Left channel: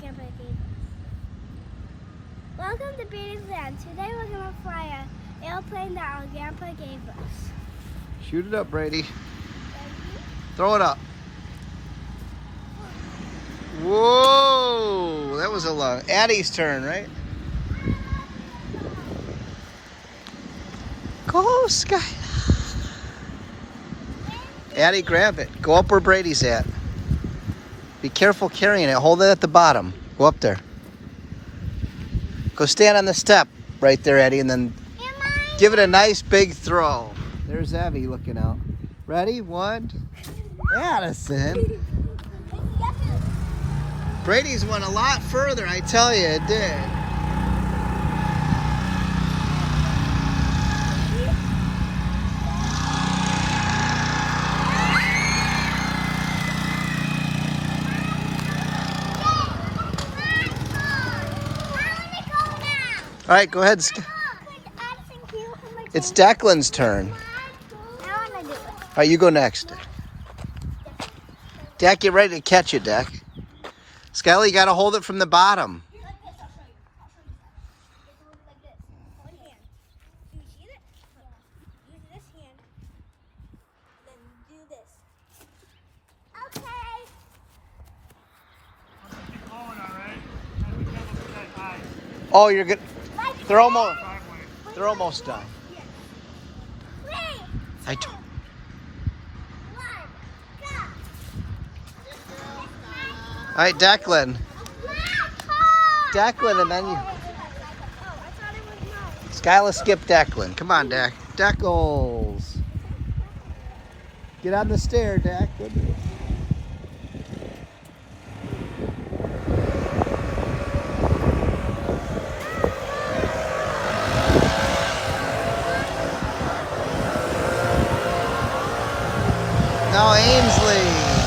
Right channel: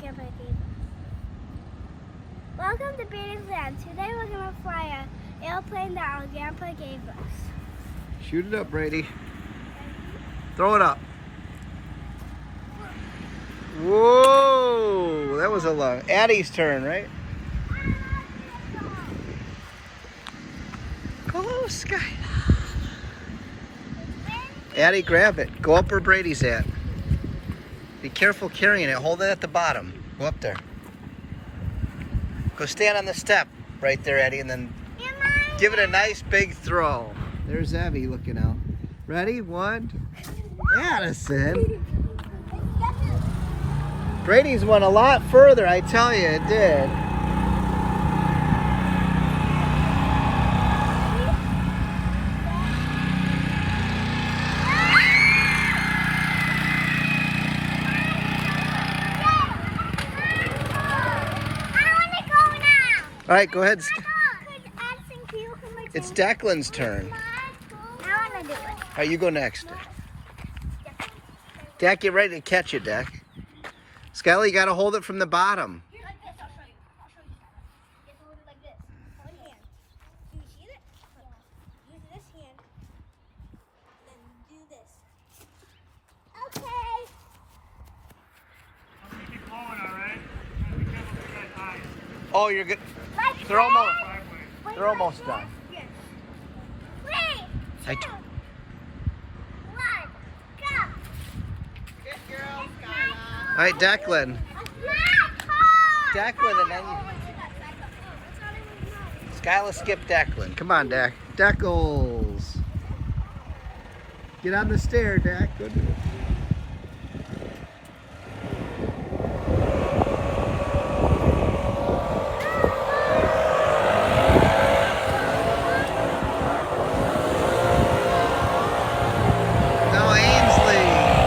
Grandpa gave us. Welcome to Brady's Land. Today we're going to fly an airplane that our grandpa gave us. Shoot it up, Brady. Throw it up. Whoa! That was a long. Addie's turn, right? Go, Skylar. Addie, grab it. Go up where Brady's at. Be careful carrying it. Hold it at the bottom. Go up there. Go stand on the step right there, Eddie, and then give it a nice big throw. There's Abby looking out. Ready? 1. Addison. Brady's went a lot further, I tell you, it did. All right, go ahead. It's Declan's turn. All right, you go next. Dak, get ready to catch it, Dak. Skylar, you got to hold it from the bottom. Like this, I'll show you. You have to hold it like this. One hand. Do you see it? Use this hand. Then do this. Okay. I'm gonna keep going, alright? Be careful with that eye. Oh, you're good. Like They're almost. Wait, They're almost done. Yes. 3, 2, 1, go. All right, Declan. Declan, and then you. Skylar, skip Declan. Come on, Dak. Deckles. Get on the stair, Dak. Good. No, Ainsley.